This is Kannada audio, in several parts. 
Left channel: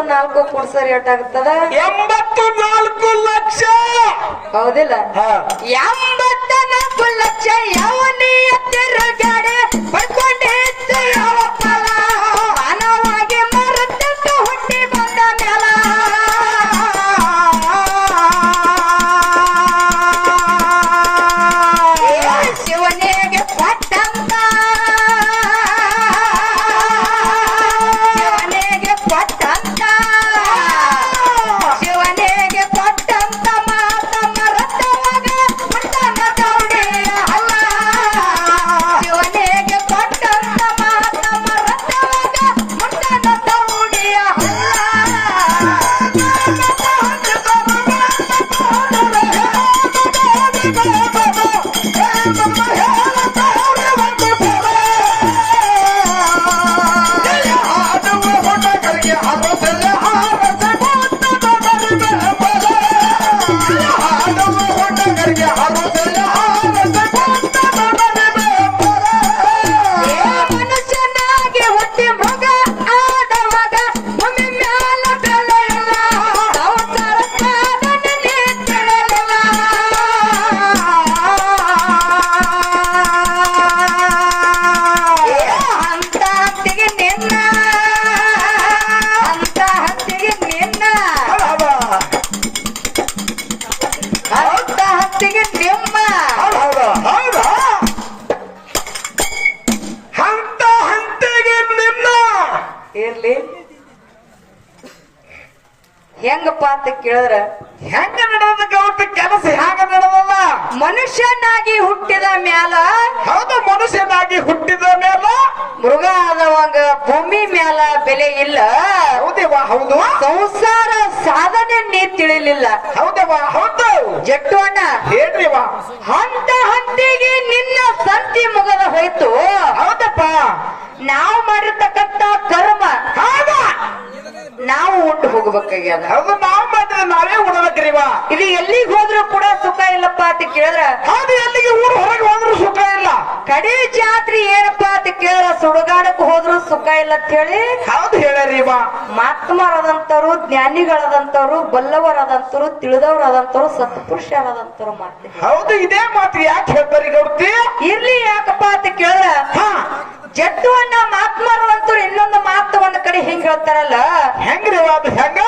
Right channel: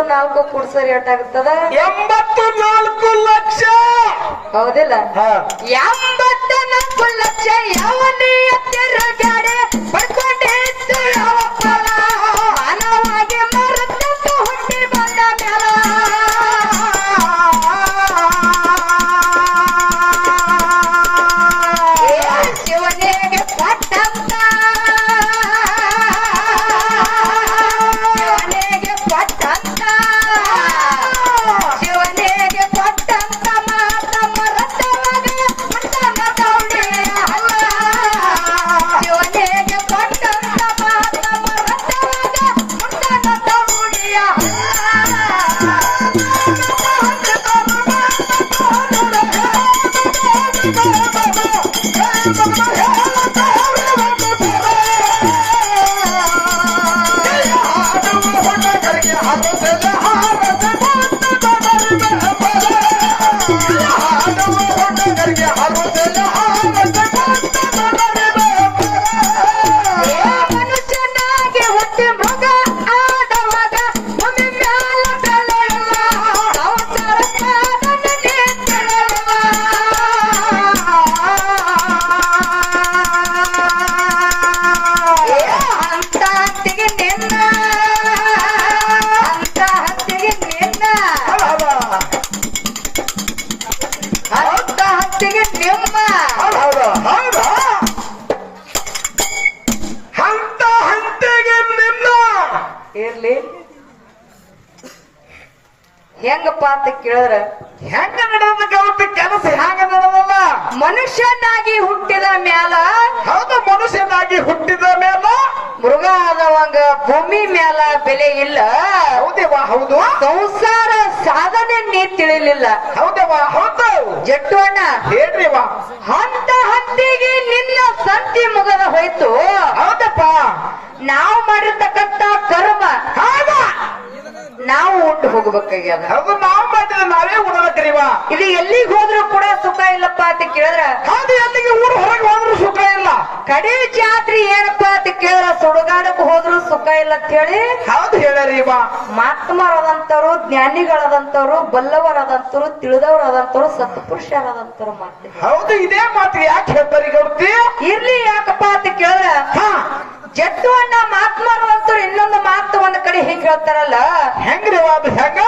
84 ಕೂಡ್ಸರಿ ಎಷ್ಟಾಗುತ್ತದ 84 ಲಕ್ಷ. ಹೌದಿಲ್ಲ 84 ಲಕ್ಷ ಯಾವನೇ ತಿರುಗಾಡೆ ಬರ್ಕೊಂಡಿತ್ತು ಯಾವತ್ತಲ ಮಾನವಾಗಿ ಮರತಕ್ಕ ಹುಟ್ಟಿ ಬಂದ ಮ್ಯಾಲ ಶಿವನಿಗೆ ಪಟ್ಟಂತ ಶಿವನಿಗೆ ಪಟ್ಟಂತ ಶಿವನಿಗೆ ಪಟ್ಟಂತ ಮಾತ ಮರತವಾಗ ಮರ್ತನ ದೌಡಿಯ ಅಲ್ಲ ಶಿವನಿಗೆ ಪಟ್ಟಂತ ಮಾತ ಮರತವಾಗ ಮರ್ತನ ದೌಡಿಯ ಮನುಷ್ಯನಾಗಿ ಹುಟ್ಟಿ ಮೃಗ ಆದವಾಗ ಭೂಮಿ ಮ್ಯಾಲ ಬೆಳೆಯಲ್ಲ ಸಂಸಾರ ಸಾಧನೆ ತಿಳಿಯಲಿಲ್ಲ ಅಂತ ಹತ್ತಿಗೆ ನಿನ್ನ ಅಂತ ಹತ್ತಿಗೆ ನಿನ್ನ ಅಂತ ಹತ್ತಿಗೆ ನಿಮ್ಮ ಹಂತ ಹಂತೆಗೆ ನಿನ್ನ ಇರ್ಲಿ ಹೆಂಗಪ್ಪ ಅಂತ ಕೇಳಿದ್ರ ಹೆಂಗ ನಡೆದ ಗೌತಿ ಕೆಲಸ ಹೆಂಗ ನಡೆದಲ್ಲ. ಮನುಷ್ಯನಾಗಿ ಹುಟ್ಟಿದ ಮ್ಯಾಲ ಹೌದು, ಮನುಷ್ಯನಾಗಿ ಹುಟ್ಟಿದ ಮೇಲೆ ಮೃಗ ಆದವಂಗ ಭೂಮಿ ಮ್ಯಾಲ ಬೆಲೆ ಇಲ್ಲ ಹೌದೇವಾ ಹೌದು ಸಂಸಾರ ಸಾಧನೆ ನೀ ತಿಳಿಲಿಲ್ಲ ಹೌದೇವಾ ಹೌದು ಜಟ್ಟು ಅಣ್ಣ ಹೇಳ್ರಿವಾ ಹಂತ ಹತ್ತಿಗೆ ನಿನ್ನ ಸಂತಿ ಮುಗದ ಹೋಯ್ತು ಹೌದಪ್ಪ ನಾವು ಮಾಡಿರ್ತಕ್ಕಂತ ಕರ್ಮ ಹೌದ ನಾವು ಹುಟ್ಟು ಹೋಗ್ಬೇಕಾಗ್ಯದ ಹೌದು. ನಾವು ಮಾಡಿದ್ರೆ ನಾವೇ ಉಣಬೇಕ್ರಿವಾ. ಇದು ಎಲ್ಲಿಗೆ ಹೋದ್ರೂ ಕೂಡ ಸುಖ ಇಲ್ಲಪ್ಪ ಅಂತ ಕೇಳಿದ್ರ ಹೌದು, ಎಲ್ಲಿಗೆ ಊರು ಹೊರಗೆ ಹೋದ್ರೂ ಸುಖ ಇಲ್ಲ. ಕಡೆ ಜಾತ್ರೆ ಏನಪ್ಪ ಅಂತ ಕೇಳಿದ್ರ ಸುಡುಗಾಡಕ್ ಹೋದ್ರು ಸುಖ ಇಲ್ಲ ಅಂತ ಹೇಳಿ ಹೌದು ಹೇಳರಿವಾ. ಮಹಾತ್ಮರಾದಂತವ್ರು ಜ್ಞಾನಿಗಳಾದಂತವ್ರು ಬಲ್ಲವರಾದಂತವ್ರು ತಿಳಿದವರಾದಂತವ್ರು ಸತ್ಪುರುಷರಾದಂತವ್ರು ಮಾಡ್ತೀವಿ. ಹೌದು, ಇದೇ ಮಾತು ಯಾಕೆ ಹೇಳ್ತಾರೆ ಗೌಡ್ತಿ? ಇರ್ಲಿ ಯಾಕಪ್ಪ ಅಂತ ಕೇಳಿದ್ರ ಜಟ್ಟು ಅಣ್ಣ ಮಹಾತ್ಮರಾದಂತವ್ರು ಇನ್ನೊಂದು ಮಾತು ಒಂದ್ ಕಡೆ ಹಿಂಗ್ ಹೇಳ್ತಾರಲ್ಲ, ಹೆಂಗ್ರಿವಾ ಅದು ಹೆಂಗ?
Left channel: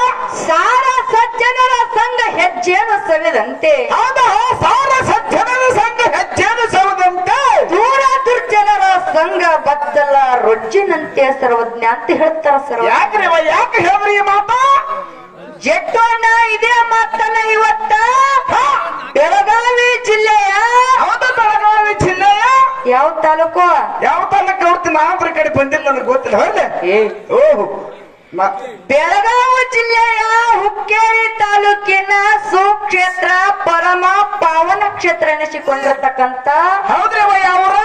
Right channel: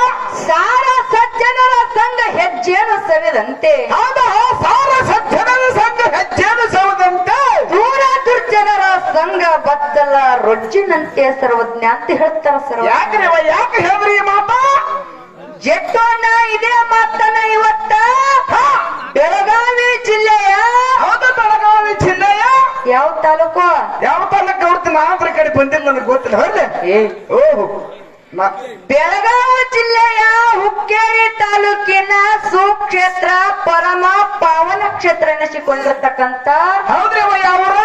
ಸಾರ ಸಜ್ಜನರ ಸಂಘ ಹೆಜ್ಜೆಯನ್ನು ಸವಿದಂತೆ ಹೌದಾ, ಸಾರ ಸಜ್ಜನರ ಸಂಘ ಹೆಜ್ಜೆಯನ್ನು ಸವದಂತೆ ದೂರ ದುರ್ಜನರ ಸಂಘ ಬದ್ದಲ ರೊಜ್ಜಿನಂತೆ ಸರ್ವಜ್ಞ ಅಂತ ಹೇಳ್ತಾರ ಸರ್ವ. ಯಾಕ್ರಿವಾ, ಯಾಕೆ ಹೇಳ್ರಿ ಈ ಮಾತು? ಜಟ್ಟು ಅಣ್ಣ ಇದೇ ಮಾತನ್ನ ಇವತ್ತ ಬೆಳಗಾವಿ ಜಿಲ್ಲೆಯ ಹೌದು, ಬೆಳಗಾವಿ ಜಿಲ್ಲೆ ಯಾವ ತಾಲೂಕು ಯಾವ ತಾಲೂಕು ಗೌಡ್ತಿ? ನಾನಂದ್ರ ಕಡೆ ಬಂದಿಲ್ಲ, ನನಗೆ ಗೊತ್ತಿಲ್ಲ. ಹೊರಲೆ ಓಹೋ ಬೆಳಗಾವಿ ಜಿಲ್ಲೆಯ ಹುಕ್ಕೇರಿ ತಾಲೂಕಿನ ಸುಕ್ಷೇತ್ರ ಪರಮ ಪಾವನ ಕ್ಷೇತ್ರ ಎನಿಸಿಕೊಂಡಿರ್ತಕ್ಕಂತ ಹೌದ್ರವ ಯಾವರ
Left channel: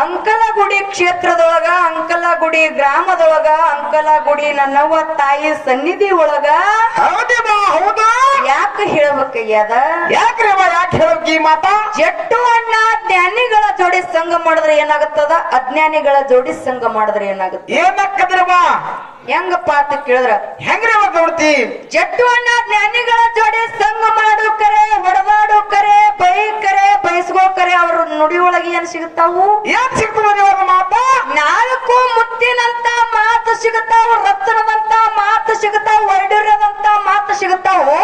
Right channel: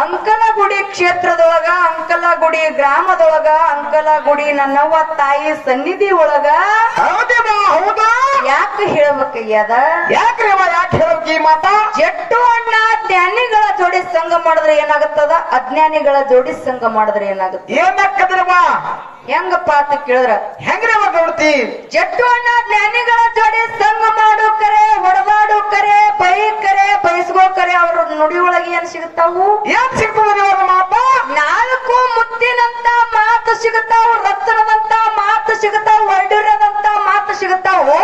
ಅಂಕಲಗುಡಿ ಕ್ಷೇತ್ರದೊಳಗ ಅಂಕಲಗುಡಿ ಗ್ರಾಮದೊಳಗ ಅಂಕಲಗುಡಿ ನನ್ನವ್ವ ತಾಯಿ ಸನ್ನಿಧಿ ಒಳಗ ಹೌದೇವಾ ಹೌದಾ? ಯಾಕೆ ಹೇಳ್ಬೇಕಾಗ್ಯದ? ಯಾಕ್ರಿವಾ, ಯಾಕೆ ಹೇಳೋಕೆ ಈ ಮಾತ? ಜಟ್ಟು ಅಣ್ಣ ಜ್ಞಾನಿಗಳ ಜೋಡಿ ಸಂಘ ಮಾಡಿದ್ರೆ ಏನಾಗುತ್ತದ, ಅಜ್ಞಾನಿಗಳ ಜೋಡಿ ಸಂಘ ಮಾಡಿದ್ರೆ ಏನಾಗುತ್ತೆ? ಏನಕ್ಕದ್ರವಾ ಹೆಂಗಪ್ಪ ಅಂತ ಕೇಳಿದ್ರ ಹೆಂಗ್ರಿವಾ ಗೌಡ್ತಿ? ಜಟ್ಟು ಅಣ್ಣ ಜ್ಞಾನಿಗಳ ಜೋಡಿ ಸಂಘ ಮಾಡು ಕರೆ ಹೊಡೆದಾಡು ಕರೆ ಬೈ ಕರೆ ಬಯಸ್ಕೋ ಕರೆ ಅವ್ರ ನುಡಿ ಒಳಗೆ ಏನ್ ಸಿಗುತ್ತಾವು? ಏನ್ ಸಿಗ್ತದೆ ಮಾತ? ನಾಲ್ಕು ಮುತ್ತಿನಂತ ಮಾತು ಸಿಗುತ್ತಾವು, ರತ್ನದಂತ ಮಾತು ಸಿಗುತ್ತಾವು, ವೈಡೂರ್ಯದಂತ ಮಾತು ಸಿಗುತ್ತಾವು.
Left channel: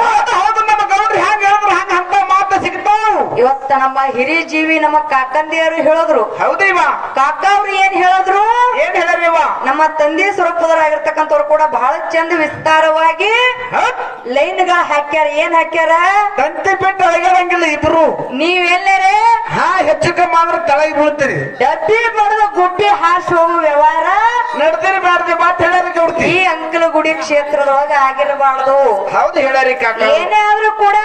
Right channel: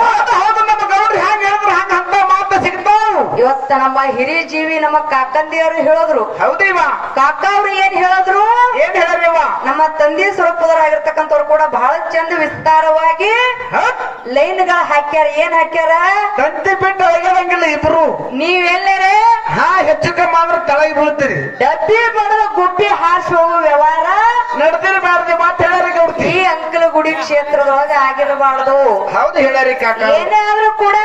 ಹೌದು, ನಮ್ಮ ಗೌಡ್ರಿ ಹೆಂಗ್ ಹೇಳಿದ್ರು ಹಂಗ ಅಂತ ಮಾತು ಸಿಗ್ತಾವು. ಇವತ್ತ ನಮ್ಮ ಹಿರಿಯ ಜೀವಿ ನಮ್ಮ ಕಾಕಂದಿಯರು ಹೇಳಿದ್ರು. ಹೌದಿವಾ? ಕಾಕ ಅವ್ರು ಏನ್ ಹೇಳಿದ್ರು? ಏನ್ ಹೇಳಿರಿವಾ? ನಮ್ಮ ತಂದೆ ಸ್ವರೂಪದರಾಗಿರ್ತಕ್ಕಂಥವ್ರು ಕೂಡ ಬಹಳ ಚಂದ ವಿಸ್ತಾರವಾಗಿ ಲೈನ್ಗಳ ಹಾಕ್ಯಾರ. ಏನ್ ಹಾಕ್ಯಾರ? ತಂತಿ ಬಿಟ್ಟು ಒಳಗಿರಂಗಿಲ್ಲ ಇಬ್ರು. ನೀವೆಲ್ಲರೇ ಹೆಚ್ಚು ಕಮ್ಮಿ ಆದ್ರೆ ತಳಗಿ ಬೀಳ್ತೀರಿ. ಡಬ್ಬಿ ಬಡದ ಗುಬ್ಬಿ ಹಾಸಿ ಹೋಗುವ ವ್ಯವಹಾರ ನಡೆದಿರಬಾರ್ದು ಮಾತು ಹೇಳರಿ ಗೌಡ್ತಿ. ಈ ಅಂಕಲಗುಡಿ ಕ್ಷೇತ್ರದೊಳಗೆ ಆಗಿರಬಾರ್ದು. ಹೌದು ಹೇಳರಿ ಕಾಕ. ಏನೇ ಆದ್ರೂ ಕೂಡ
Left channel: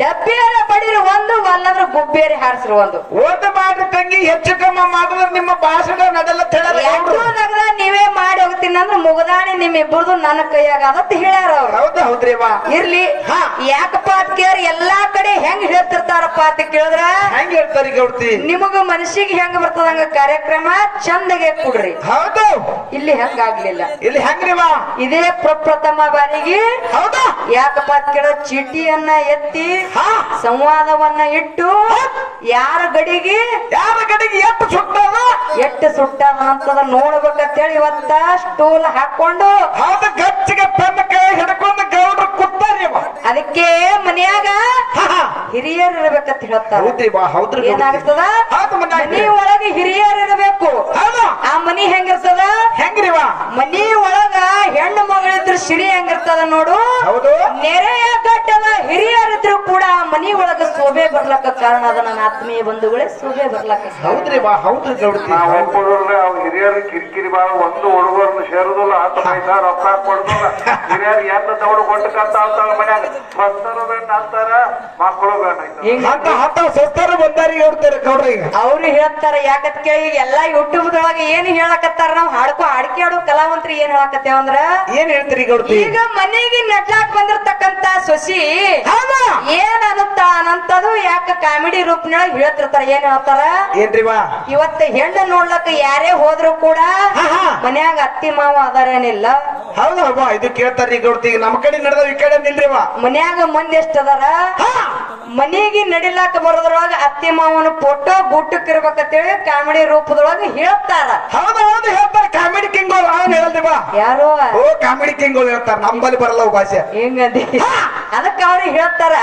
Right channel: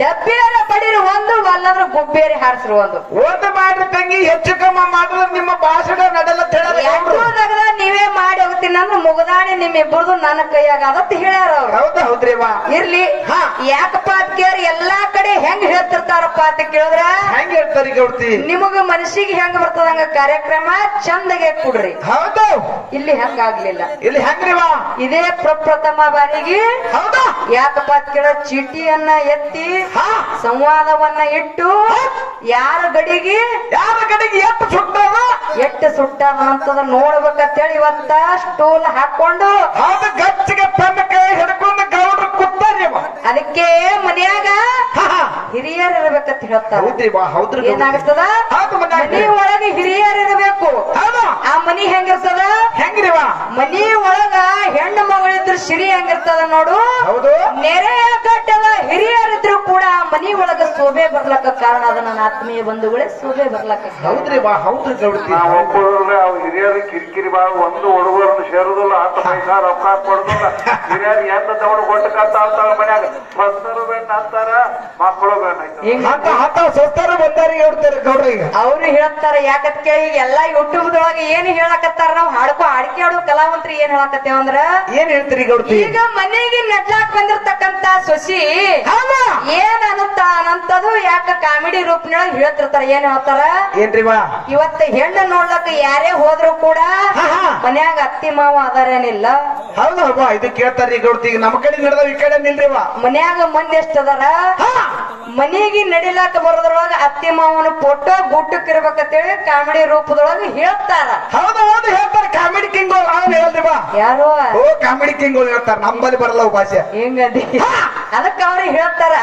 ಡಬ್ಬಿಯರ ಬಡಿರು ಒಂದು, ಅಲ್ಲಾದ್ರೂ ಗುಬ್ಬಿಯರಿ ಹಾರಿಸ್ರು ಒಂದು. ಓದು ಮಾಡ್ರಿ ತಂಗಿ, ಹೆಚ್ಚು ಕಮ್ಮ ಮಾಡಿದ್ರೆ ನಿಮ್ಮ ಭಾಷಣ ನಡೆಲ್ಲ ಯಾವ್ದಾಗ ನೀವೇ ಮಾಡಿ ಹೋಗ್ತೀನಿ ಅಂದ್ರೆ ಮುಗದಾಣಿ ನಿಮ್ಮಿಬ್ಬರದು ನನ್ನ ಕೈಯಾಗ ಅದತ್ ಹೇಳ್ಯಾರ ಅವ್ರು. ಹೌದು ಹೌದ್ರಿವಾ. ಇರ್ಲಿ ಯಾಕಪ್ಪ ಅಂತ ಪಾತ್ಕೆಯರ್ ಎಲ್ಲಾ ಕಡೆ ಹೆಂಗ್ ಹೇಳ್ತಿರ್ತಾರಪ್ಪ ಅಂತ ಕೇಳಿದ್ರ ಹೆಂಗ್ ಹೇಳ್ತಾರಿ ಗೌಡ್ತಿ ನಿಮಗ ಮನಸ್ಸಿಗೆ ಹೆಂಗ್ ಬರ್ತದಂಗ ಕಾರ್ಯಕ್ರಮ ಚಂದಗೆ ಕೊಡ್ರಿ. ಹೌದು ಇಲ್ಲಿ ಹೆಂಗಾಗ್ಲಿಲ್ಲ. ಇಲ್ಲಿ ಹೆಂಗ್ರಿವಾ ಇದೇ ಪ್ರಪ್ರಥಮ ಬಾರಿಗೆ ಹೌದಾ ಯಾಕಪ್ಪ ಅಂತ ಕೇಳ ಚೀಟಿಯನ್ನ ಎತ್ತಿ ಸಂವಾದವನ್ನ ಇಟ್ಟು ಯಾರ ಗಡಿಗೆ ಎಷ್ಟು ಸುಟ್ಟಾದಂತದ ನೋಡ್ಬೇಕಂತೇಳಿ ಇವತ್ತ ಸ್ಟೂಲ್ ಹಾಕೊಂಡು ಹೌದು ಗಚ್ಚಿಗೆ ತನ್ನ ಕೈ ಹಿಡ್ಕೊಂಡು ಗೌಡ್ರು ಕೂತಾರಿ ಅದಕ್ಕೆ ಮನ್ಯಾಗ ಹಿರಿಯರ್ ಇರ್ಬೇಕಂತ ಹೇಳ್ತಾರ. ಹೌದ್ರಿ ಏನಾಗ್ತದ ಮನಿ ಒಳಗೆ ಹಿರಿಯರ್ ಇರಬೇಕು. ಆ ಮನಿ ಹೆಂಗಿರ್ತದ ಹೆಂಗ್ರಿವಾ ಮನಿ ಒಳಗ ಹೆಣ್ಣು ಮಗಳಿದ್ರು ಸಿರಿ ಹೆಂಗಿರ್ತದ ನೋಡು. ಹೌದು ನೆರೆಯ ಕಟ್ಟದ ಹಿರಿಯರಿದ್ರು ಕೂಡ ಮನಿ ಒಳಗ ಶೋಭೆ ಬರ್ಲಕ್ಕ ಕಾರಣ ಅದ. ನನ್ನ ಆತ್ಮೀಯ ಬಂಧುಗಳೇ ಶೋಭೆ ಬರ್ಲಕ್ಕ. ಹೌದ್ರಿ ಹೌದ್ರಿ ಗೌಡ್ತಿ ಅವ್ರು ಹಿರಿಯರು ಕಿರಿಕಿರಿ ಬಾಳ ಒಂದು ಹುಡುಗರನ್ನು ಸೇರುದಿಲ್ಲ. 10 ಪೈಸಾ ರೊಕ್ಕ ಕೊಡುದಿಲ್ಲ. ಹಿರಿಯರು ಎಂತ ತಗೊಂಡು ಕೊಟ್ಟಕಂತ ಅಂತಾರ ಮನ್ಯಾಗ ಮಕ್ಕಳು ಬೇಡ ಅಂತಾರ ಮಕ್ಕಳು ಬೇಡ ಸ್ವಸ್ಥರು ಬಂದಾರಿ ಹೇಳ್ತಾರೆ ಗೌಡ್ರಿಗೆ. ಅವ್ರು ಹೇಳ್ತಾರ ಯಾಕತ್ ಕೇಳಿ ಎಲ್ಲಾ ಯೂಟ್ಯೂಬ್ ದೊಳಗೆ ಏನ್ ಹೇಳಕತ್ತಾರ ನಾವು ಅಡಿಕೆ ಆಡೋ ಕಲಾವಂತ್ರಿ ಏನ್ ಹೇಳಕತ್ತೇವ ಅಂದ್ರ ಏನ್ ಹೇಳ್ತೀರಿ ಗೌಡ್ತಿ ಈಗ ಮನೆಗೆ ನಡ್ಲಾಕ್ ಬಂದಿರ್ತಕ್ಕಂತ ಸೊಸಿ ಏನ್ ಅನ್ನಂತದು ಯಾಕ ಕಾಮಿಡಿ ರೂಪನೊಳಗ ಹೇಳ್ತಿರ್ತಾರ. ಏನ್ ಹೇಳ್ತಾರ ಏನ್ರಿವಾ ಇವತ್ತ ಹೆಣ್ಣು ನೋಡ್ಲಕ್ಕ ಯಾರೇ ಹೋದ್ರು ಕೂಡ ಮನ್ಯಾಗ ಅತ್ತಿ ಮಾವ ಅದಾರೇನಿಲ್ಲ. ಹೌದು ಇದು ಕೇಳ್ತಾರ್ರಿ ಗೌಡ್ತಿ. ಈಗ ನಮ್ಮ ಕಡೆ ನಡೆದ ಈ ಕಡೆ ನಿಲ್ರಿವಾ ಮನ್ಯಾಗ ಮಂದಿ ಎಷ್ಟದಾರ ಮನೆಗೆ ನಡಿಲಾಕ ಬರೋದ್ರೊಳಗ ಅತ್ತಿ ಮಾವನ ಫೋಟೋ ಗುಟ್ಟಕ್ ಇರ್ಬೇಕಂತೇಳಿ ಕಾಮಿಡಿ ರೂಪದೊಳಗ ಹೇಳ್ತಾರ. ಹೌದು ಹೌದು ಹೇಳ್ತಾರೆ ಕಾಮಿಡಿ ಕಿಂಗ್ ಹೇಳ್ರಿವಾ. ಯಾರು ಓ ಕಾಮಿಡಿ ಕಿಂಗ್ ಹೇಳ್ತಾರ. ನಮ್ಮಲ್ಲಿ ಬರಲ್ಲ ಭಾಷೆ ಹೆಂಗದಿ ಅದಕ್ಕ ಅವ್ರಿಗೆ ಹೇಳ್ತಾರ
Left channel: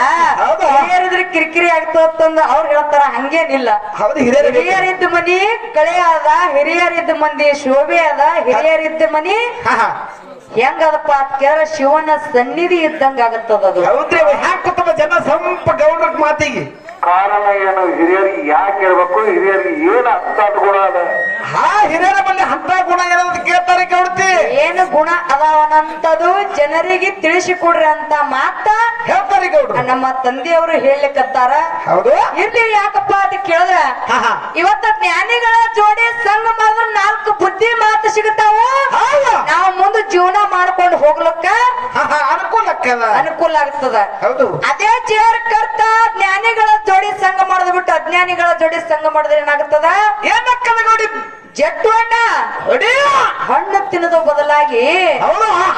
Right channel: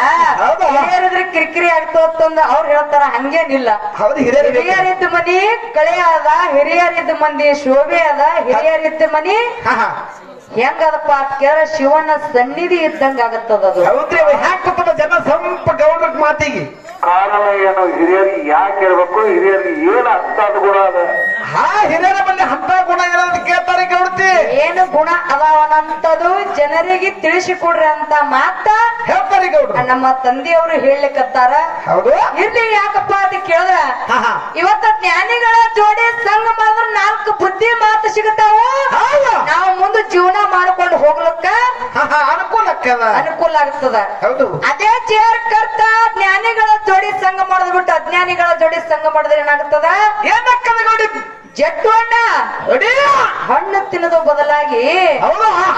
ಹಿರಿಯರಿದ್ರೆ ಕಿರಿಕಿರಿ ಆಗ್ತಂದ ಅವ್ರು ಹೇಳ್ತಾರ. ಹಂಗೇನಿಲ್ಲ. ಹೌದು ಹಿರಿಯರಿದ್ದ ಮನಿ ಕಳೆ ಅದ, ಹಿರಿಯರಿದ್ದ ಮಂದಿ ಶೋಭೆ ಅದ. ಹಿರಿಯರಿದ್ದ ಮನಿ ಹೆಂಗದಪ್ಪ ಕೇಳ ಶಿವನ ಸನ್ನಿಧಿ ಇದ್ದಂಗ ಆಗತ್ತದ. ಅದು ಹೌದ್ರಿ ಹ್ಯಾಕತ್ತದ ಜನ ಸ್ವಲ್ಪ ಗೌಡ್ರ ಮಾತಿಗೆ ಕಾರಣ ಏನು? ಹಿರಿಯರಿಗೆ ಯಾಕೆ ಇರ್ಬೇಕು? ಹಿರಿಯರಿಗೆ ಏನ್ ಅರ್ಥ ಗುಣ ಅದ? ಹಿರಿಯರ ಬಲ್ಲಿ ಅಂತ ಗುಣ ಏನಂತ ಕೇಳ್ತಾರೆ ಗೌಡ್ತಿ. ಏನು ಗುಣ ಅದಾವನಂತದು ಜನರಿಗೆ ತಿಳಿಸಿಕೊಡ್ರಿ ಅಂತ ಮಾತ ಹೇಳ್ತಾರೆ ಗೌಡ್ರು. ನಮ್ಮ ತಂದೆಯವರು ಹೇಳಲಿಕ್ಕತ್ತಾರ. ಹೌದು ಇಲ್ಲಿ ಯಾಕಪ್ಪ ಅಂತ ಕೇಳಿದ್ರ ಇವತ್ತ ಜ್ಞಾನಿಗಳ ಜೋಡಿ ಸಂಘ ಮಾಡಿದ್ರೆ 4 ಬುದ್ಧಿ ಮಾತು ಸಿಗುತ್ತಾವ. ನಾವು ಮುಂದೆ ಜೀವನ ಮಾಡ್ಕೊಂಡು ಹೋಗ್ಲಕ್ಕ ಅನುಕೂಲ ಆಗ್ತದ. ಹೌದು ಅದೇ ಚೇರ್ ಕರ್ತ ಜ್ಞಾನಿಗಳ ಜೋಡಿ ಸಂಘ ಮಾಡೋದ್ ಬಿಟ್ಟು ಅಜ್ಞಾನಿಗಳ ಜೋಡಿ ಸಂಘ ಮಾಡಿದ್ರೆ ಏನಾಗ್ತದ? ಏನಕ್ಕದ ನೋಡಿ ಜಟ್ಟು ಹಣ್ಣು ತಿನ್ನೋದು ಬದಲಾಗಿ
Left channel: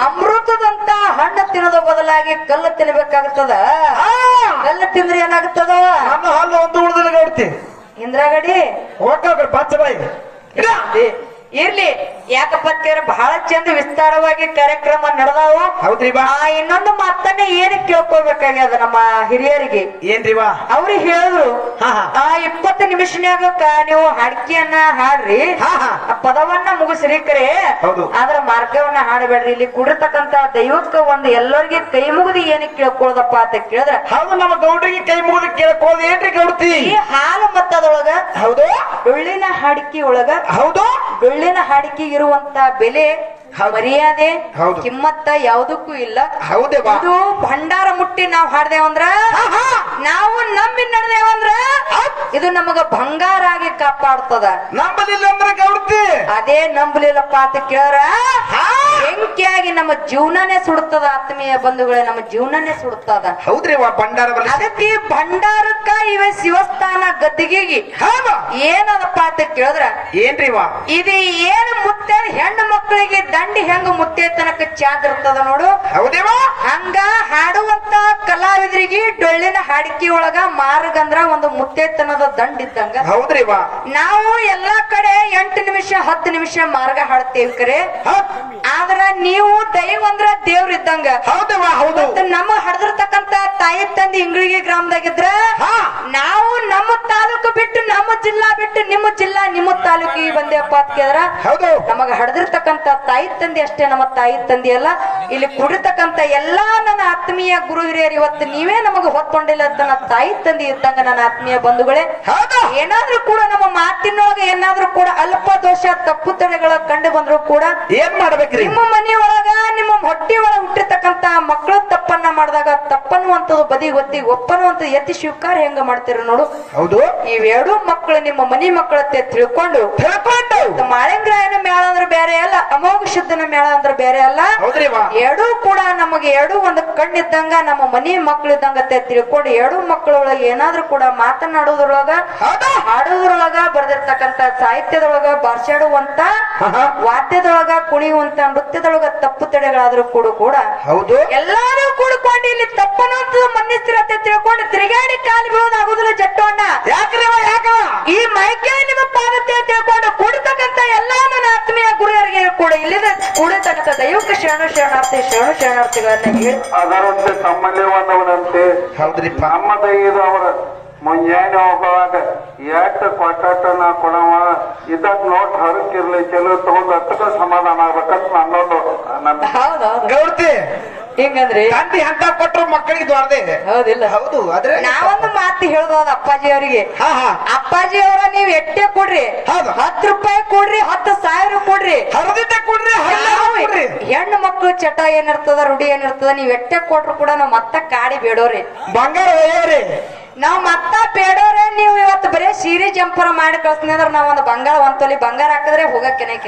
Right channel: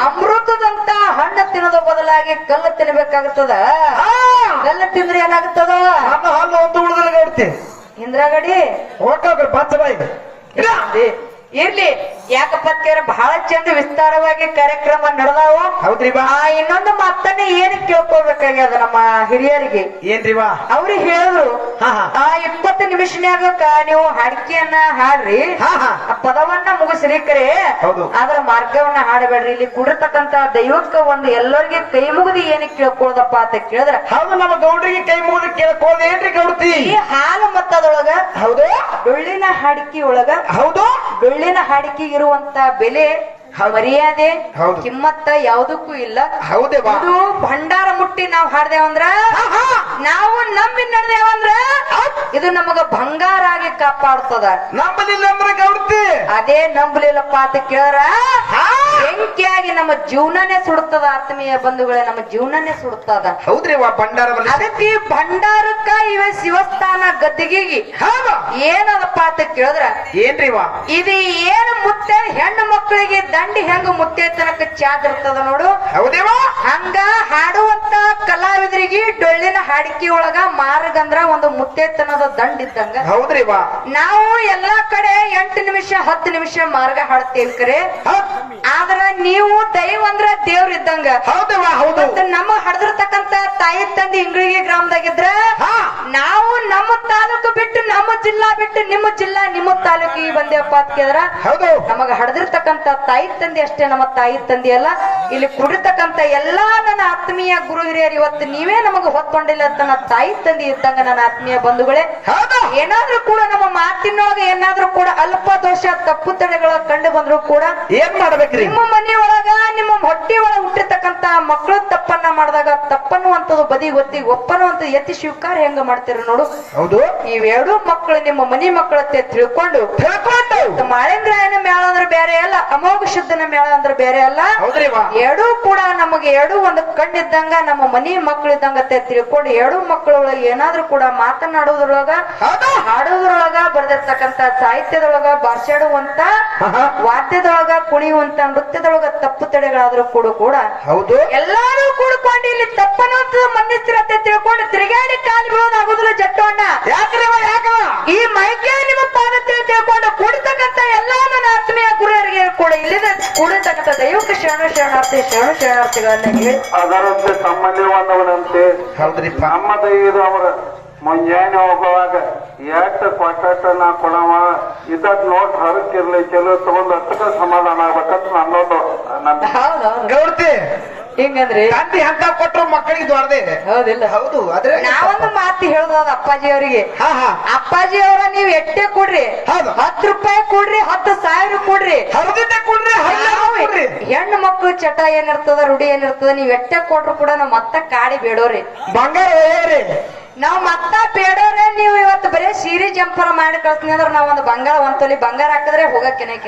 ಅಮೃತದಂತ ಹಣ್ಣು ತಿನ್ನೋದು ಬದಲಾಗಿ ಕಲ್ಲು ತಿನ್ಬೇಕಾಗ್ತದ. ಕಲ್ಲು ತಿಂದ್ರೆ ಏನಾಗ್ತದ? ಹಲ್ಲು ಒಂದು ಉಳಿದ್ರೆ ಗೌಡ್ತಿ ಇಂದ್ರಾಗಡಿ ಹೋಗ ಬಾಚ ಬಾಯಿ ಇರ್ಲಿ. ಯಾಕಪ್ಪ ಕೇಳ ಬಹಳ ಚಂದ ವಿಸ್ತಾರವಾಗಿ ಕಾರ್ಯಕ್ರಮ ನಡೆದಾವು. ಹೌದ್ರಿ ಬಾ. ಇನ್ನೊಂದು ಮಾತನ್ನ ಏನ್ ಕೇಳ್ಕೊಳ್ಬೇಕಾಗ್ಯದ ನಮ್ಮ ಹಿರಿಯರಿಗೆ. ಏನ್ರಿವಾ ಅವ್ರಿಗೆ ಹೇಳಿದ್ರು 20 ನಿಮಿಷನ್ಯಾಗ ನೀವು ಹಾಡಿಕೆಯನ್ನ ಹಾಡ್ರಿ, ಆ ಪದವನ್ನ ಮುಗಿಸ್ರಿ ಕರೆ ಅದ್ರ ಮಾರ್ಗವನ್ನ ಹಾಡಬೇಡ್ರಿ. ಇಲ್ಲಿ ಕುಡಿರ್ತಕ್ಕಂತ ದೈವಕ್ಕ ಒಂದು ಎಲ್ಲರಿಗೆ ಕೈ ಮುಗಿದು ಏನಕ್ಕೆ ಕೇಳ್ಕೊಳ್ಳೋದಪ್ಪ ಅಂತ ಕೇಳಿದ್ರೆ ಹೌದು ನಮ್ಮ ಗೌಡ್ರಿಗೆ ಕೈ ಮುಗಿದು ಕೇಳ್ಕೊಳ್ಳೋದು ಏನ್ರಿ ಗೌಡ್ತಿ? ಈ ಹಾಲು ಮತ್ತದೊಳಗ ಹೌದು ಡೊಳ್ಳಿನ ಹಾಡಿಕೆ ಒಳಗ ಹೌದು ಡೊಳ್ಳಿನ ಹಾಡಿಕೆ ಇರುವಂತ ಬೆಲೆ ಮರ್ಯಾದೆ ಕಿಮ್ಮತ್ತ ಯಾವುದಕ್ಕೂ ಇಲ್ಲ. ಹೌದೇ ಇದು ಭಂಡಾರ ಮುಟ್ಟಿ ನಾವ್ ಹಾಡ್ದೇವಂದ್ರ ನಾವು ನಂಬಿ ನಡೆದೇವಂದ್ರ ಇದು ನಮಗ ಬಂಗಾರ ಆಗಿ ಕಾಪಾಡ್ತದ. ನಂಬಲಿಲ್ಲ ಅಂದ್ರೆ ಗೌಡ್ತಿ ಅದೇ ನಂಬಲಿಲ್ಲಪ್ಪ ಅಂತ ಕೇಳ್ರ ಬೆಂಕಿಯಾಗಿ ನಮ್ಮ ಜೀವನನೇ ಸುಡುತ್ತದ. ಆತ್ಮೀಯ ಬಂಧುಗಳೇ ನಮ್ಮ ಜೀವನನೇ ಸುಡುತ್ತದ. ಹೌದ್ರಿ ಭಂಡಾರ. ಅದಕ್ಕೆ ಭಂಡಾರಕ್ಕ ಇವೆ ಶಿವಸ್ಥಾನ ಗದ್ದಿಗೆ ಏನದಪ್ಪ ಅಂತ ಕೇಳಿದ್ರ ಏನ್ರಿವಾ ಇದು ಏನು ಮುತ್ತೆ ಹೆಣ್ಣು ಮಕ್ಕಳಿಗೆ ದಂಡಿ ಹೆಂಗ ಮುತ್ತೆ ತನಕ ಚಾದಿರ್ತದ ನೋಡು. ಹೌದೇವಾ ಹಂಗ ಹಾಡುವಂತ ಕಲಾವಿದರಿಗೆ ಡೊಳ್ಳಿನ ಹಾಡಿಕೆ ಒಳಗ ಮಾರ್ಗಂದ್ರ ಒಂದು ಮುತ್ತೇತನದ ದಂಡ ಇದ್ದಂಗ. ಹೌದ್ರಿವಾ ನಾವು ಎಲ್ಲಾ ಕಡೆ 8 ನಿಮಿಷ 10 ನಿಮಿಷ ಮಾರ್ಗ ಹಾಡ್ತೇವೆ ಕರೆ. ಆದ್ರ ನೀವು ದೈವ ಅಂದ್ರ ದೇವ್ರ ಇದ್ದಂಗ. ನಮ್ಮ ಹಡ್ದಿರ್ತಕ್ಕಂತ ತಾಯಿ ತಂದೆ ಇಂಗ್ಳಿಗೆ ಗ್ರಾಮದಾಗಿದ್ರ ನಾವು ನಮ್ಮ ತಾಲೂಕು ಬಿಟ್ಟು ನಮ್ಮ ಜಿಲ್ಲಾ ಬಿಟ್ಟು ನಿಮ್ಮ ಜಿಲ್ಲಾ ನಿಮ್ಮ ತಾಲೂಕಿಗೆ ಬಂದೇವಪ್ಪ ಅಂತ ಕೇಳಿದ್ರ ನಮಗ ಹಡ್ದಿರ್ತಕ್ಕಂತ ತಾಯಿ ತಂದೆ ಅಷ್ಟೇ ನಮ್ಮ ತಾಯಿ ತಂದೆ ಅಲ್ಲ. ಇಲ್ಲಿ ಕುಡಿರ್ತಕ್ಕಂತ ಎಲ್ಲಾ ನನ್ನ ಆತ್ಮೀಯ ಗುರು ಹಿರಿಯರು ಇವತ್ತು ನೀವೇ ನಮಗ ಹೊತ್ಕೊಂಡಿಲ್ಲ ಅಂತ ನನ್ನ ತಾಯಿ ತಂದೆ ಇದ್ದಂಗ ನನ್ನ ಆತ್ಮೀಯ ಬಂಧುಗಳೇ. ಏನಾದ್ರೂ ಕೂಡ ನಮ್ಮ ಮಾತಿನೊಳಗೆ ಏನಾದ್ರೂ ಕೂಡ ಅಲ್ಪ ದೋಷ ತಪ್ಪು ತಡೆಗಳ ಕಂಡು ಬಂದ್ರು ಕೂಡ ಏನ್ ಮಾಡ್ಬೇಕ್ರಿ? ನಿಮ್ಮ ಮನೆಯೊಳಗ ನಿಮ್ಮ ಹೊಟ್ಟಿ ಒಳಗೆ ಹುಟ್ಟಿರ್ತಕ್ಕಂತ ಮಕ್ಕಳು ತಪ್ಪನ್ನ ಮಾಡಿದಾಗ ತಪ್ಪನ್ನುವಂಥದ್ದು ಬದಿ ಗೊತ್ತಿ ಒಪ್ಪನ್ನುವಂಥದ್ದು ಎತ್ತಿ ಸ್ವೀಕಾರ ಹೆಂಗ ಮಾಡ್ತೀರ ನೋಡು. ಹೌದು. ಇವೆರಡು ಮಕ್ಕಳು ನಿಮ್ಮ ಮನಿ ಮಕ್ಕಳತ್ತೆ ತಿಳ್ಕೊಂಡು ಮಾಳಿಂಗ್ರಾಯನ ಮೇಳ ಅಂದ್ರೆ ಬೇರೆ ಅಲ್ಲ, ಅಮೋಘ ಶುದ್ಧನ ಮೇಳ ಅಂದ್ರೆ ಬೇರೆ ಅಲ್ಲ. ಎರಡೂ ಕೂಡ ನಮಗೆ ಎರಡೂ ಒಂದು ಕಣ್ಣಿದ್ದಂಗ ನಮ್ಮ ಮನಿ ಮಕ್ಕಳಿದ್ದಂಗತ್ತೆ ತಿಳ್ಕೊಂಡು ಎರಡೂ ಮಕ್ಕಳೊಳಗೆ ಏನಾದ್ರೂ ಕೂಡ ಮಾತನಾಡೋದ್ರೊಳಗ ಹಾಡೋದ್ರೊಳಗ ಬರೆದಿರ್ತಕ್ಕಂತ ಸಾಹಿತ್ಯದೊಳಗ ಭಾಷಾಡುವಂತ ವಾದ್ಯದೊಳಗ ಕುಣಿಯುವಂತ ನೃತ್ಯದೊಳಗ ತಪ್ಪು ತಡೆಗಳಾದ್ರೂ ಕೂಡ ಹೌದು ಎಲ್ಲಾರು ಕೂಡ್ಕೊಂಡು ಇಲ್ಲಿ ತಪ್ಪನಂತ ಮನ್ನಿಸ್ತಿರತ್ತೆ ತಿಳ್ಕೊಂಡು ತಿರುಗಾಡಿ ಕಾಲು ಬೀಳೋದು ಆಗುದಿಲ್ಲ ಜಟ್ಟೋಣ್ಣ. ಈ ಮೈಕೆ ನಿಮ್ಮ ಪಾದತೆ ತಿಳ್ಕೊಂಡು ಕೂಡತಕ್ಕಂತ ಎಲ್ಲಾ ನನ್ನ ಆತ್ಮೀಯ ಗುರುವರಿಗೆ ಕೂಡ ಇಲ್ಲಿನ ಕೂಡತಕ್ಕಂತ ದೈವಕ ಶರಣಾರ್ಥಿಗಳನ್ನ ಹೇಳಿ ಅದರಂತೆ ಸಂಬಂಧವನ್ನವರಂತೆ ನಮ್ಮ ದೈವದ ಅವರ ಮುಂಜಾನೆ ಹೋಗುವಾಗ ಎಷ್ಟು ಕೊಟ್ಟ ನಾ ಕೊಡವ ಇದಕ್ ನೋಟ್ ಹೊರಕಿರ್ಲಿ ಚಲೋ ತಗೊಂಡ್ ಅಷ್ಟಕ್ಕ ಸಮಾಧಾನ ಆಗ್ಬೇಕಂತ ಅನ್ನೋದು ನನ್ನ ಗೌರ್ತಿ ಹಿಂಗಂದ್ರಿ ತಂದೆ ಅಂತ ಕೊಟ್ಟರು ಮಕ್ಕಳಿಗೆ ದೊಡ್ಡದೇ ಇದೆ. ಹೌದಿಲ್ಲ? ಹೌದು. ಆದ್ರೆ ನಾವೊಂದು ಮಾತು ಹೇಳೋದು ಅಪ್ಪಾಜಿ ಅವರಿಗೆ, ಅಪ್ಪಾಜಿ ಅವರ ನೀವ್ ಎಟ್ಟೆ ಕೊಡ್ರಿ, 10 ರೂಪಾಯಿ ಕೊಡ್ರಿ, 10,000 ಕೊಡ್ರಿ, ಹೆಣ್ಣು ಮಕ್ಕಳು ಚಟ ಏನಿರ್ತದ ರೂಢಿ ಏನಿರ್ತದ ನೀವ್ ಎಟ್ಟೆ ಕೊಟ್ರು ಕೂಡ ನಾವ್ ಮತ್ತ ಕಾಡಿ ಬೇಡೋರಿ, ಬಂಗಾರ ಒಯ್ಯರಿ, ನಾವ್ ಮತ್ತ ಬೇಡೋರೆ. ನೀವು ಇವತ್ತು ಬರೀ ಸೀರೆ ಜಂಪರ್ ಮಾಡಿ ಕಳ್ಸ್ತೀನಿ ಅಂದ್ರೆ ನಾವ್ ಒಂದು ಬಂಗಾರ ಒಂದ್ ತೊಲಿ ಬಂಗಾರ ಹಾಕಿದ್ರೆ ಹೋಗಕ್ಕೆ ಈಗ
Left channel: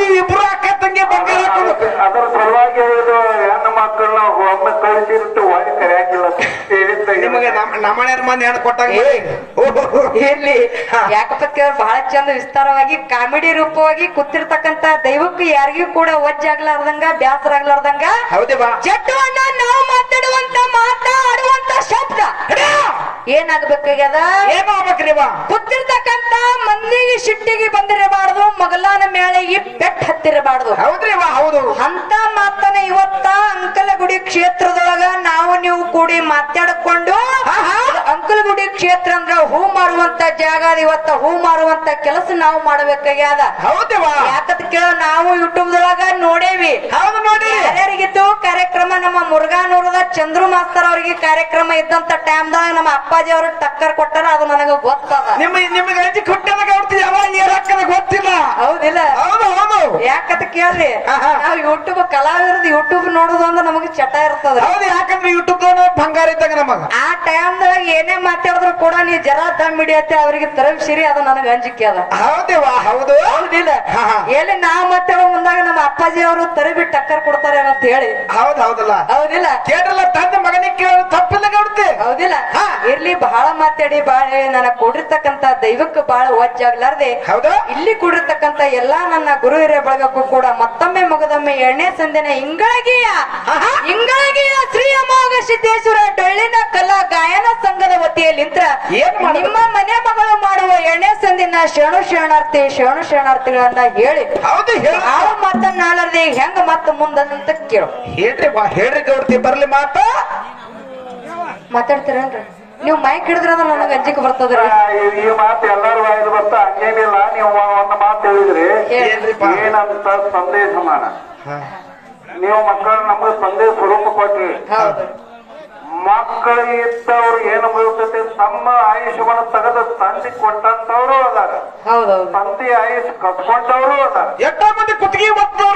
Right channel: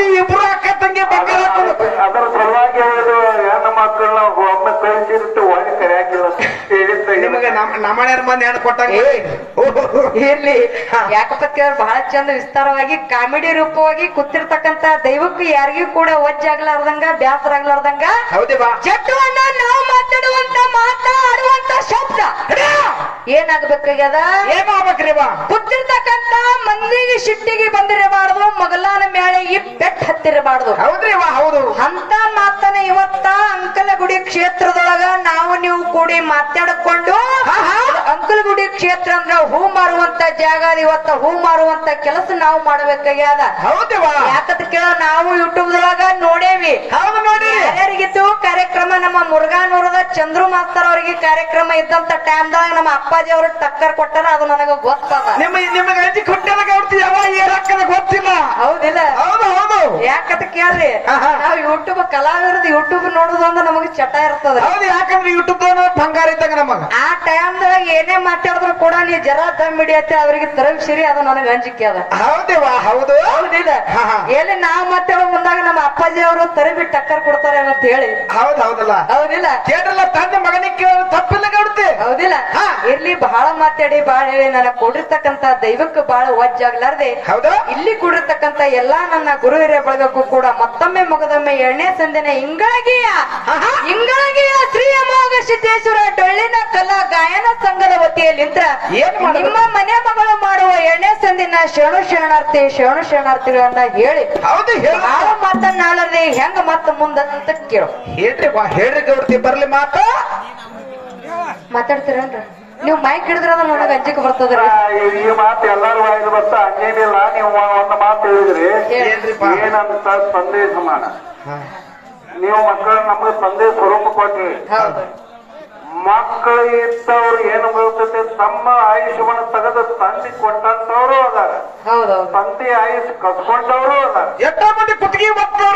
ನೀವು ಇಬ್ರು ಅಕ್ಕ ತಂಗಿ ಬಂಗಾರ ಹಾಕೋದು. ಅದರ ಸಲುವಾಗಿ ಹೆಣ್ಣು ಮಕ್ಕಳ ಒಮ್ಮೆ ಕಳಿಸಿಟ್ಟು ಒಳಗೆ ಕರೆಯಾಕಿಲ್ಲ ನಿಮಗೆ ನಮ್ಮನೆಯರ ಮಂದಿ ಹೆಣ್ಣು ಕೊಟ್ಟಾಗ ಇರ್ಲಿ. ಯಾಕಪ್ಪ ಬಹಳ ಚಂದ ವಿಸ್ತಾರವಾಗಿ ಕಾಮಿಡಿ ರೂಪವಾಗಿ ಕೂತಿರ್ತಕ್ಕಂತ ದೈವಕ್ಕೂ ಯಾರಿಗೂ ಕೂಡ ಒಜ್ಜಾಗ್ಲಾರ್ದಂಗ ಬ್ಯಾಸರ ಆಗ್ಲಾರ್ದಂಗ ಜಟ್ಟು ಅಣ್ಣ ನಾವು ಮಾತಾಡುವಂತ ಮಾತಾಡುವಂತ ಶಬ್ದ ಏನಾಗ್ಬೇಕಾಗ್ಯದ, ಕೂತಿರ್ತಕ್ಕಂತ ಮಂದಿಗೆ ಸಿಟ್ಟಿಗೆ ಬಂದಿರಬಾರ್ದು, ಮಗಲಾನ ಮೇಲೆ ಈ ಬೆಟ್ ಹತ್ತಿರಬಾರ್ದು. ಹೌದ್ರಿ ಹೌದು. ಅಂತ ಮಾತನ್ನ ಇವತ್ತ ಅಂಕಲಗುಡಿ ಕ್ಷೇತ್ರದೊಳಗ ನಾವು ನೀವು ಕೂಡಿ ಮಾತಾಡಿಕೊಂಡು ಅಂಕಲಗುಡಿ ಕ್ಷೇತ್ರ ಅಂದ್ರ ಹೂ ಮಾರುವಂತ ಜಾಗ, ಇವತ್ತ ಹೂ ಮಾರುವಂತ ಕೆಲಸ ನಾವು ಮಾಡಬೇಕಾಗ್ಯದ. ಯಾಕಂತ ಕೇಳ ನಾವು ಯೂಟ್ಯೂಬ್ ದೊಳಗ ನೋಡೇವಿ, ಯಾರ್ಯಾರಿಗಿತ್ತು ಕಾರ್ಯಕ್ರಮ. ನಮ್ಮ ಮುರುಘಾನೂರದ ಚಂದ್ರು ಮಾಸ್ತರ್ ಅವರಿಗೆ ಕಾರ್ಯಕ್ರಮ ಇದ್ದಂತ ಟೈಮ್ದಾಗ ನಮ್ಮ ಅಪ್ಪಾಜಿ ಅವರು ಟಕ್ಕರ್ ಕೊಟ್ಟಾರ, ಅದು ನನಗ ಗೊತ್ತದ. ನಿಮಗೆ ಗೊತ್ತಿಲ್ಲ ಹೌದಿಲ್ಲ? ಯಾಕಂತ ಕೇಳ್ರಿ, ನಾವು ಯೂಟ್ಯೂಬ್ ಕಲಾವಿರದ ಯೂಟ್ಯೂಬ್ ನೋಡುದು ಅಂದ್ರೆ ನಮಗೆ ಚಟ ಇರ್ತದ. ಯಾಕಂದ್ರೆ ಯೂಟ್ಯೂಬ್ ಬಂಗಾರ ಇದ್ದಾಗ ನಮಗ ಆ ಟೈಮ್ದಾಗ ಏನೇ ಮಾತಾಡಿದ್ರು ಕೂಡ ನೀ ಜರ ದಮ್ ಹಿಡಿಯತ್ತೆ ಅವ್ರಿಗೆ ತರಬಿಸಿರಿ, ಅದು ನನಗೆ ಅಂಜಿಕೆ ಅದ. ಹೌದು. ಹೌದಿಲ್ಲ? ಎಲ್ಲಿ ನಾವ್ ಮಾತಾಡೋ ಮುಂದಾಗ ನಮ್ಮ ಅಪ್ಪಾಜಿ ಅವರು ತರಬಿ ಟಕ್ಕರ್ ಕೊಡ್ತಾರೆ ಅಂತ ಹೇಳಿ. ಹೌದಲ್ಲ? ಹೌದಿಲ್ಲ? ಕೇಳಲ್ಲ ತಂದೆ ಮಗನಿಗೆ ತಪ್ಪಿಲ್ಲ ಗೌಡ್ತಿ. ಹೌದಿಲ್ಲ? ಇರ್ಲಿ, ಬಹಳ ಮಾತಾಡಿ ಬಾಳ ನನಗ್ ಕೊಡಿರ್ತಕ್ಕಂತ ದೈವಕ್ಕೆ ಬಹಳ ಒಜ್ಜಾಗ್ಲಾರ್ದೆ ಇಲ್ಲಿ ಕೂಡಿರ್ತಕ್ಕಂತ ಎಲ್ಲಾ ನನ್ನ ಗುರು ಹಿರಿಯ ಬಳಗಕ್ಕೂ ಕೂಡ ಮತ್ತೊಮ್ಮೆ ಮುಗದೊಮ್ಮೆ 2ನೇ ಸಂದಿನ ಇಂಗಳಗಿಯ ಶ್ರೀ ಅಮೋಘ ಸಿದ್ದೇಶ್ವರ ಡೊಳ್ಳಿನ ಕಲಾ ಗಾಯನ ಸಂಘದ ವತಿಯಲ್ಲಿಂದ ನಿಮ್ಮ ಮನೆ ಮಗಳು ಮಾಡುವ 2ನೇ ಸಂದಿನ ಶರಣಾರ್ಥಿಗಳನ್ನ ಹೇಳಿ ನಾವು ಮಾತನ್ನಾಡದೆ ಹೆಂಗ ಮತ್ತ ಮುಂದಂತ ಕೇಳು. ಹೇಳ್ರಿ ಗೌಡ್ತಿ, ಬರ್ಲಿ ಮಾತಾಡ್ತೀರೇನ್ರಿ ನೀವು? ಮೈಕ್ ಹಿಡಿದ್ರ ನನಗೆ ಅಂಜಿಕೆ ಬರ್ತದ್ರ. ಈ ಮಾತು ಎಲ್ಲರೂ ವಾಯ್ದು ಬರ್ತಾ ಹಂಗೇನಿಲ್ಲ. ನೀವು ಒಂದು ಮಾತು ಹೇಳಿದ್ರಿ, ಏನಂತ ಸಂದೇಶ ಮಾಡ ನೀವು ಮಕ್ಕಳ ನಮಗೆ ಸಂದೇಶ ಸ್ವರೂಪ ಕೊಟ್ರಿ. ಮಕ್ಕಳು ಇದ್ದವ್ರು ಏನು ಬರ್ತದೆ, ತಮ್ಮ ಆಯುಷ್ಯವನ್ನು ತೆಗೆದು ತಂದಿ ಕೊಟ್ಟಂತವ್ರು ಅದಾರ, ತಂದೆ ಆಯುಷ್ ಕಟ್ಕೊಂಡವ್ರು ಅದಾರ. ಎಷ್ಟೋ ಮಂದಿ ಕುತ್ತಿಗೆ ಮಕ್ಕಳು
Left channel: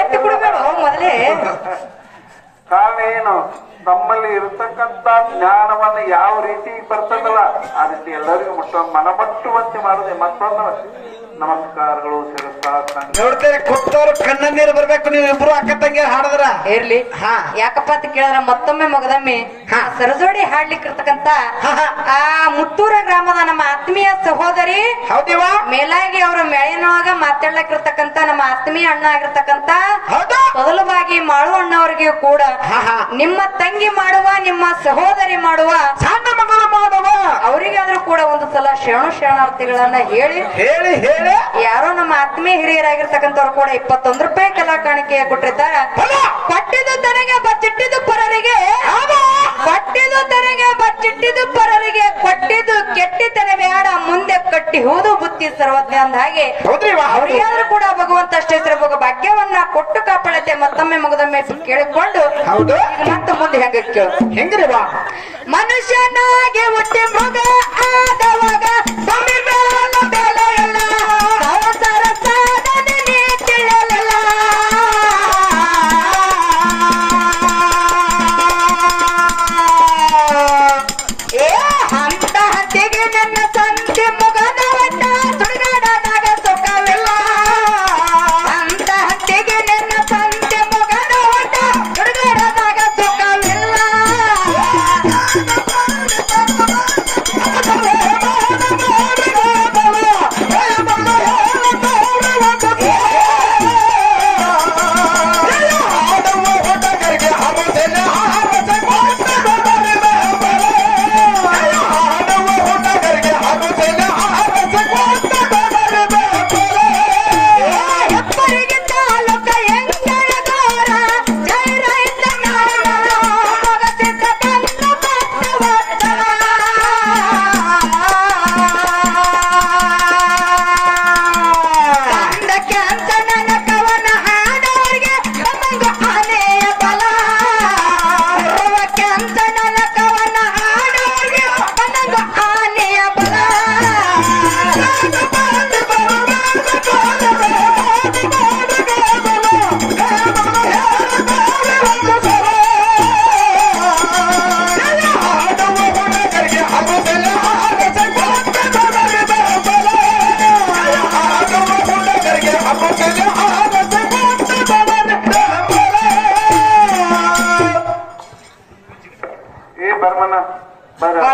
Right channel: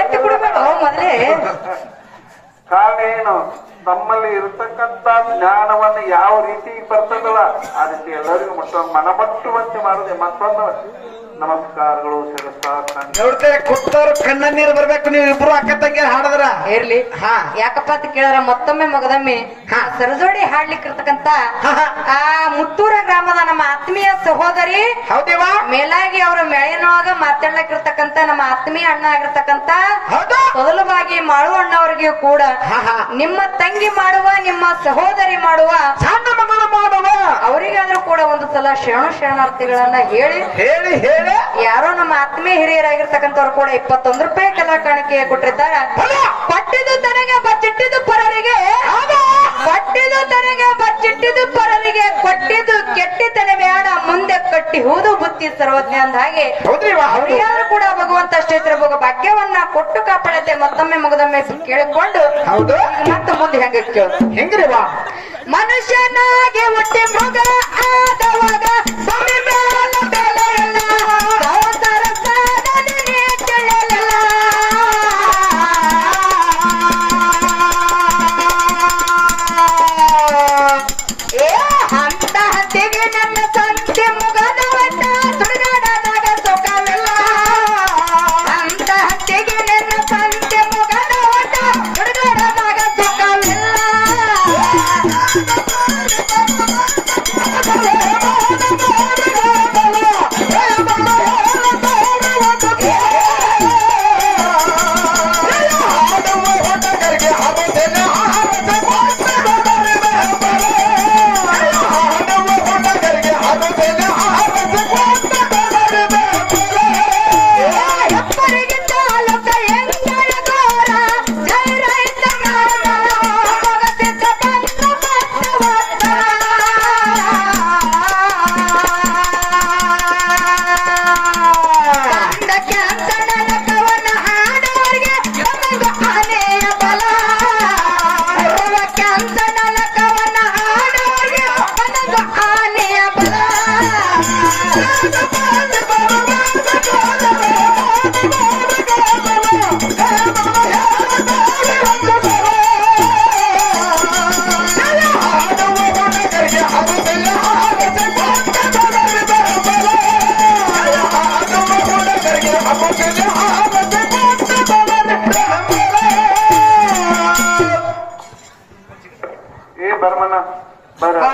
ಎತ್ತು ಬಿಡಬೇಡ ಮೊದಲೇ. ಕಾರಣ ಏನು, ನಮ್ಮಲ್ಲಿ ಇರತಕ್ಕಂತ ಜ್ಞಾನವನ್ನು ಯಾವ ರೀತಿ ಬರ್ತದಲ್ಲ ಅದಕ್ಕೆ ಎಲ್ಲರಿಗೂ ಮನಮಟ್ಟುವಂತೆ ಮಾಡದೆ ಮತ್ತೊಂದು ನಮಸ್ಕಾರಗಳು. ನೋಡ್ತೇವೆ ಕೂತವ್ರು ಕಣ್ಣ ನೀರು ಬರ್ಬೇಕು. ನೀವು ಇಬ್ರು ಅಕ್ಕ ತಂಗಿ ಹಾಡಿದ್ರ ಇರ್ಲಿ. ಯಾಕಪ್ಪ ಅಂತ ಕೇಳಿದ್ರ ಮತ್ತೊಮ್ಮೆ ಮಗದೊಮ್ಮೆ ಸರಜೋಡಿ ಹಾಡ್ಲಿಕ್ಕೆ ಇರ್ತಕ್ಕಂತ ಆ ಮುತ್ತೂರ ಗ್ರಾಮದ ನಮ್ಮ ಆತ್ಮೀಯ ಸಹೋದರಿ ಮೇಲಾಗಿ ಅವರ ಮೇಳಿನೊಳಗ ಮಾತಾಡ್ಲಿಕ್ಕಿರ್ತಕ್ಕಂತ ನಮ್ಮ ಆತ್ಮೀಯ ಅಣ್ಣ ಆಗಿರ್ತಕ್ಕಂತ ಮೊದಲವಾಗಿ ಮಾಳು ಅಣ್ಣವರಿಗೆ ಕೂಡ ನಿಮ್ಮ ತಂಗಿ ಮಾಡುವ ನಿಮ್ಮ ಸಹೋದರಿ ಮಾಡುವ ಸಣ್ಣ ಮಗಳು ಮಾಡುವ ಅವರಿಗಾದ್ರೂ ಕೂಡ ಒಂದು ಸಲ ಶರಣಾರ್ಥಿಗಳನ್ನ ಹೇಳಿ ಯಾರೋ ನಮ್ಮ ಆತ್ಮೀಯ ಹಿರಿಯರಾಗಿರ್ತಕ್ಕಂಥವ್ರು ಕೂಡ 21 ರೂಪಾಯಿ ಕಲಾ ಕಾಣಿಕೆ ಕೊಟ್ಟಿದ್ದಾರೆ. ಪಟ್ಟಿದು ತನಗೆ ಬಚ್ಚಿಟ್ಟಿದ್ದು ಪರರಿಗೆ, ಪಟ್ಟಿದು ತನಗೆ ಬಚ್ಚಿಟ್ಟಿದ್ದು ಪರರಿಗೆ, ಕೊಟ್ಟಿದ್ದು ಕೆಟ್ಟಿತನ ಬೇಡ ಮುಂದೆ ಕಟ್ಟಿ ಹೂದು ಬುತ್ತಿ ಸರ್ವಜ್ಞ ಅಂದ ಹಾಗೆ ಅವರಿಗಾದ್ರೂ ಕೂಡ ಭಗವಂತ ಅಷ್ಟೇ ಭಾಗ್ಯವನ್ನ ಕೊಟ್ಟು ಕಾಪಾಡತ್ತೆ. ಮತ್ತೊಮ್ಮೆ ಮುಗದೊಮ್ಮೆ ಕೇಳಿಕೊಂಡು ಮತ್ತೆ ಮುಂದೆ ಹೆಂಗ್ರಿ ಮನುಷ್ಯನಾಗೆ ಒಟ್ಟೆ ಮೃಗ ಆದವಾಗ ಏ ಬರ್ಮನ ಬರ ಬಾ.